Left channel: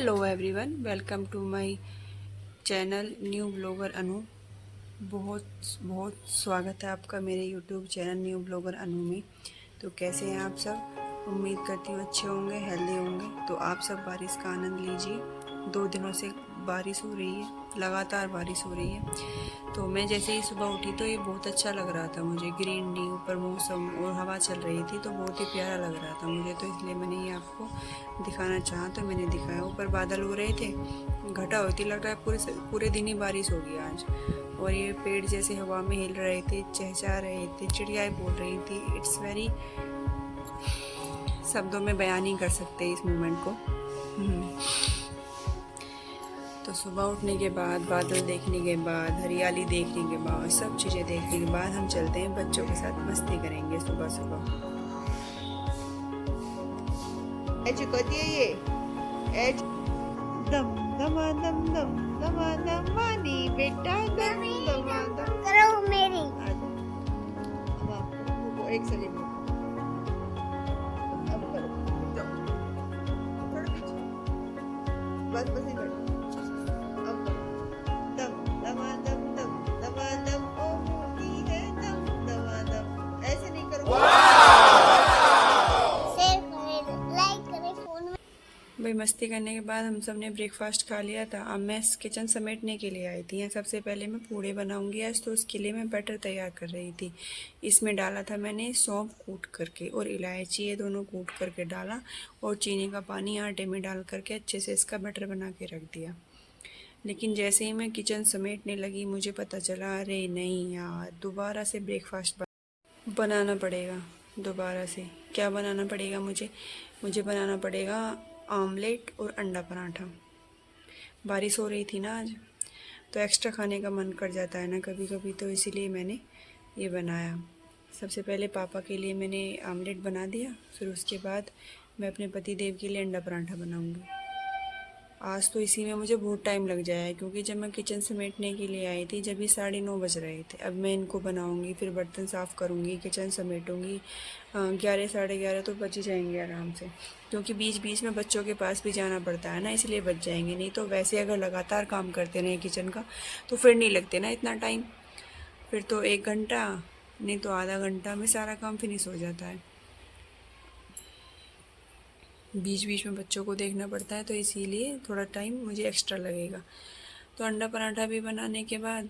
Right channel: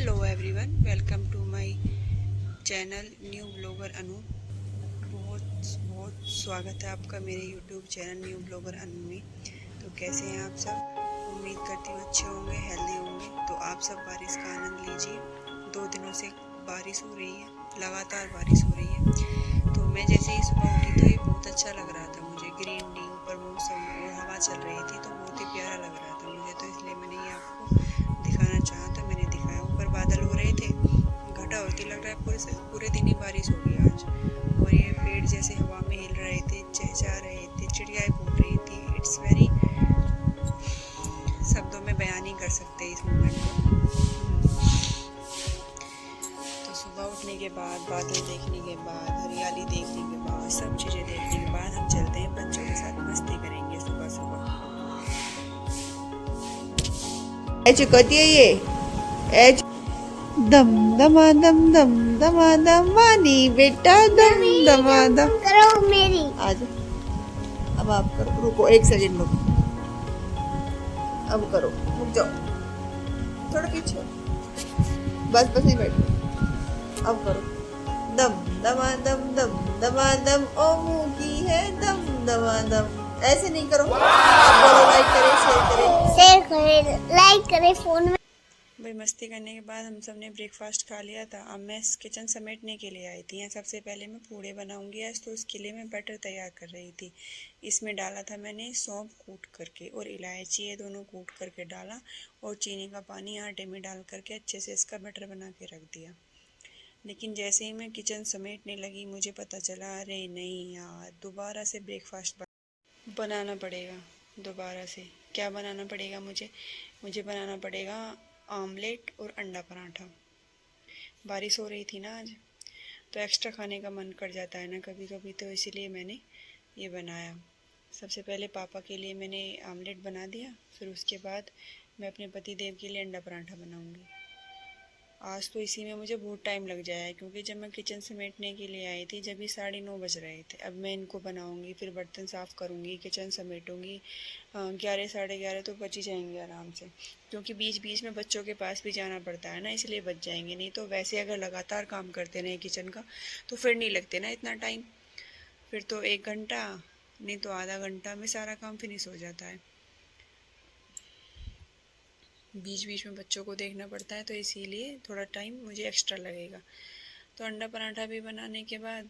Hello everyone, welcome to my channel new blogger Anu. बहुत बहुत स्वागत है आपका मेरे YouTube channel new blogger Anu में। तो कैसे हैं आप सब? उम्मीद करती हूँ अच्छे होंगे, हेल्दी होंगे। तो आप सब बारिश का आनंद लीजिए। 2 दिनों से बारिश हो रही है, लगातार बारिश हो रही है। तो मैं जैसे ही सुबह उठी तो ये बहुत अच्छा लग रहा था मुझे। ग्रीनरी, ऊपर मौसम और हवा चल रही थी तो बहुत ही प्यारा लग रहा था मुझे। तो इसलिए मैंने ये आपको दिखाना चाहा तो मैंने दिखाया। ऊपर बादल हो रहे थे, घटा होती, लग रहा है पूरे दिन ही बारिश होगी आज। और ये पेड़ जैसे हवा में हिल रहे थे, चहचहा रहे थे, चिड़ियाएँ बोल रही थी। इट्स वेरी, शब्दों में बयान नहीं कर सकते इस मोमेंट को। तो सुबह उठने के बाद, बादल देखने के बाद, हरियाली देखने के बाद, सब चीज़ें देखने के बाद हम चलते हैं बच्चों के साथ मस्ती करेंगे सुबह सुबह। ऐसे कहती है ये एज दम दमादम दम दमादम वानी बेटा दम दमादम करो मेरी। आज अब आप करो, रुको 1 सेकंड रुको। अब करो, रुक जाओ थोड़ा पीछे, बस ही बैठो। अब करो दम दमादम दम दमादम, ओ मुंह की है दम दमादम। ऐसे नहीं करो, लाइक करें, शेयर करे, लाइक करे फोन में। भाई मस्ती करने के बाद हम सब ने ब्रेकफास्ट खा लिया था। अब मैं किचन समेटने के लिए आई थी। सबसे पहले मैं पूड़े बनाऊंगी आज, तो उसके लिए मैं बैटर तैयार कर रही थी। इसमें डाला था मैंने सौंफ कूट करके और इलायची, ये दोनों कूट करके डाला, और चीनी का पानी आटे में डाल करके अच्छे से इसका बैटर बना के रख दिया। लेकिन जैसे ही मैं किचन समेटने लगी मुझे पता चला, अरे नहीं यार, दोबारा से ब्रेकफास्ट बनाना पड़ेगा। दोबारा से क्या बनाना पड़ेगा मुझे बनाना पड़ेगा आमलेट और अंडा पराठा। बारिश हो रही थी ना आज, तो एक्स्ट्रा खाने का मन कर जाता है ना कभी कभी, तो इसीलिए मैंने ये बनाया। सबसे पहले पापा के लिए मैंने आमलेट बना दिया, फिर उसके बाद मैं अपने पति देव के लिए अंडा पराठा बनाऊंगी। आज तो इसी में मुझे बहुत टाइम लग जाएगा, क्योंकि जब मैं किचन समेटने के लिए आई थी जब ही 9:30 बज रहे थे। अब मैं इनको बनाऊंगी, फिर बर्तन साफ़ करूंगी, किचन समेटूंगी। 11 साढ़े 11 तो बच ही जाएंगे आराम से, क्योंकि बीच बीच में बच्चों के पास भी जाना पड़ता है ना, इसलिए बच जाएंगे। नहीं तो वैसे अगर लगातार काम करते रहे किचन का तो फिर नहीं लगते ना इतना टाइम। फिर तो 1 घंटा नहीं तो आधा घंटा में सारा काम फिनिश हो जाता है। बीच बीच में बच्चों को देखना पड़ता है, तो इसीलिए थोड़ा टाइम मुझे एक्स्ट्रा लगेगा। तो अंडा पराठा भी बनाने के बाद,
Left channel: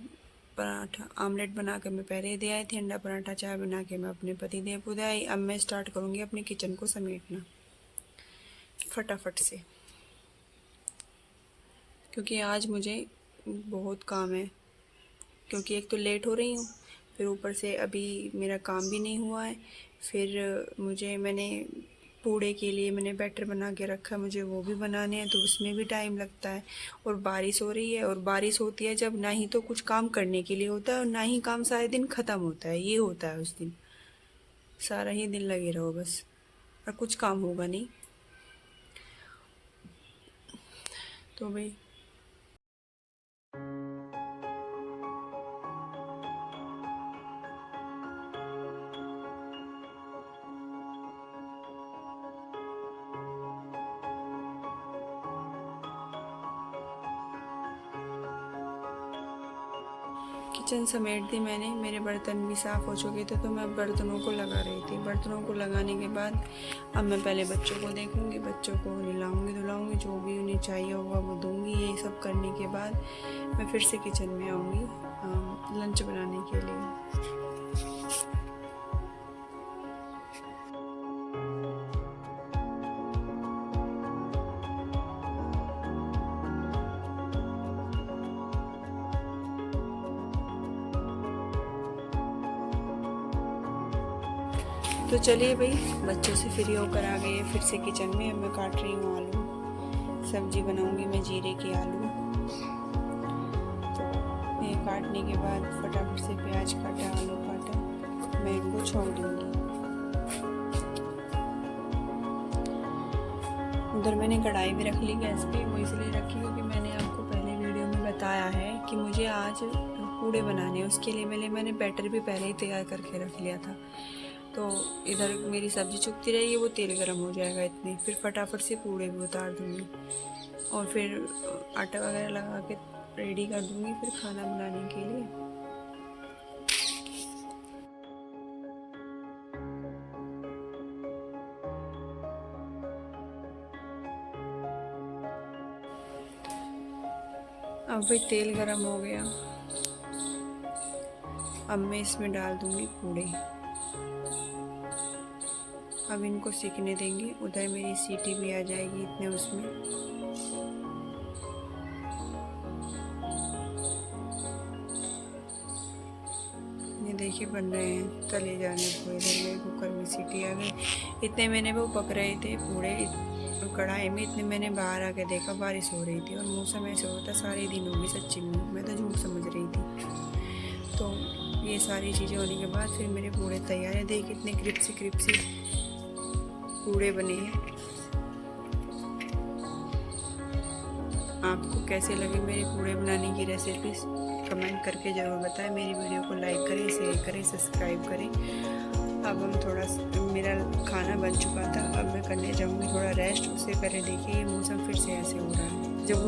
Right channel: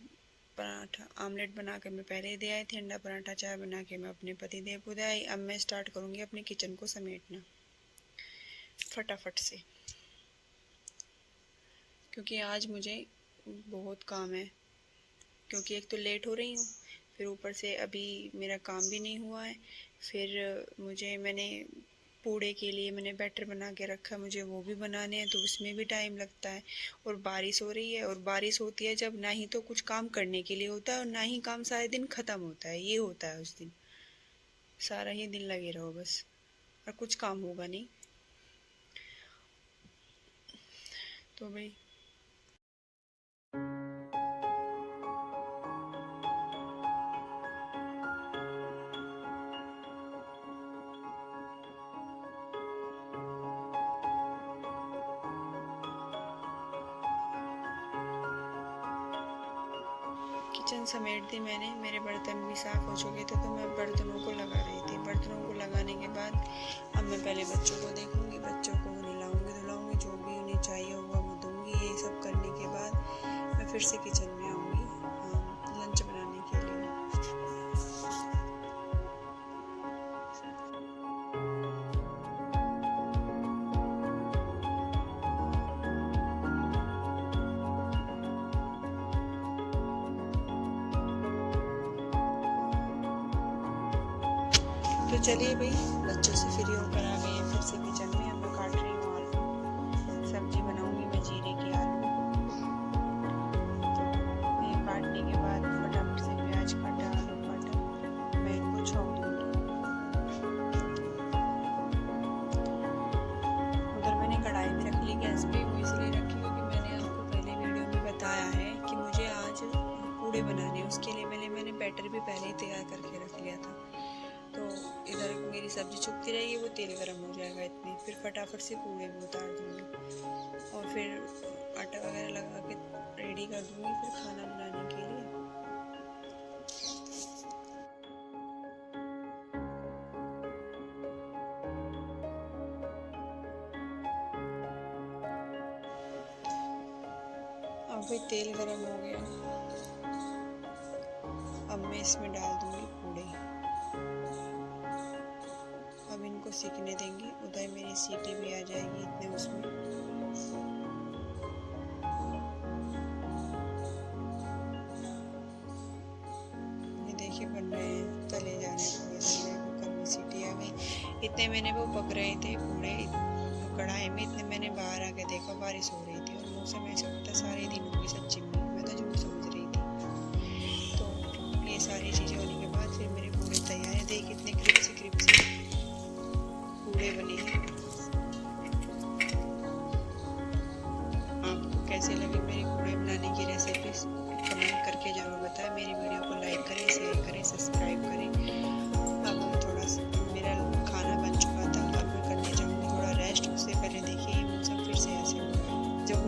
पराठा आमलेट बना के मैं पहले दे आई थी, अंडा पराठा चाय बना के मैं अपने पति देव को दे आई। अब मैं स्टार्ट करूँगी अपने किचन को समेटना फटाफट से, क्योंकि आज मुझे बहुत काम है। क्योंकि एक तो लेट हो रही हूँ, फिर ऊपर से अभी मेरा काम भी नहीं हुआ है। फिर मैंने पूड़े के लिए मैंने बैटर बना के रखा, मुझे वो भी बनाने हैं, तो उसमें भी टाइम लगता है। और बारिश हो रही है, और बारिश होती है जब, ना ही तो कुछ काम करने के लिए होता है और ना ही काम सारे दिन ख़त्म होता है। ये होता है उस दिन, सारा ही दिन लगे रहो बस, और कुछ काम होगा नहीं। तो भाई किचन समेट दी मैंने, मेरे बर्तन भी साफ़ हो चुके थे, तो मैं बर्तनों को लगा रही थी। बर्तनों को लगाने के बाद अब मैं पहले बच्चों को देखूंगी, बच्चों को नहलाऊंगी धुलाऊंगी, जो भी उन्हें चाहिए होगा वो दूंगी। ये सब करने के बाद मैं फिर से किचन में आऊँगी लंच बनाने के लिए। तो चलिए भाई, बच्चों से फ्री होकर आ गए फिर से किचन में। अब मैं काट रही हूँ आलू, सब्जी बनाऊंगी मैं जीरे के आलू। तो ये काटने के बाद फटाफट से प्याज काटा, आलू काटा, मैं इनको छोड़ दूँगी। उधर मैंने कढ़ाई भी रख ली गैस पे। वो इसलिए रखी क्योंकि मैंने आपको पहले वीडियो में बताया है कि मुझे आज पूड़े बनाने हैं। उसके लिए मैंने बैटर भी पहले ही तैयार करके रख लिया था। तो तो इधर मेरी सब्जी चुकती रहेगी, वो तेल गर्म हो जाएगा इतने, फिर फटाफट से पूड़े भी उतार दूँगी और फिर आटा वगैरह लगा के रेडी कर दूँगी फिर खाना बनाने के लिए। अब भाई तेल गरम हो गया, अब मैं इसमें डाल दूँगी पूड़े। अब इनको सीखने देंगे, उधर मेरी सीटी भी आ जाएगी इतने उसमें। ये देखिए बन रहे हैं, तले जाने को। इधर मेरे कुकर में सीटी आ गई। इतने मैंने वो पक रहे थे पूड़े कढ़ाई में, इतने मैंने बाहर आके देखा बारिश हो रही थी और मौसम ऐसा होता सारे दिन होगी, सच्ची में मैं तो झूठ समझ रही थी। तो ये सारी चीज़ें होने के बाद फिर मेरे पूड़े तैयार हैं। देखिए कितने क्रिप्सी पूड़े बने हैं। आपको कैसे लगे मेरे पूड़े बनाने की रेसिपीज कमेंट करके ज़रूर बताएं। मेरी वीडियो को लाइक करें, शेयर करें, सब्सक्राइब करें। अब हम थोड़ा मेरा खाना बन चुका था, अब मैं करने जाऊँगी थोड़ा रेस्ट, उससे पहले देखिए मौसम फिर से ऐसे हो रहा है जब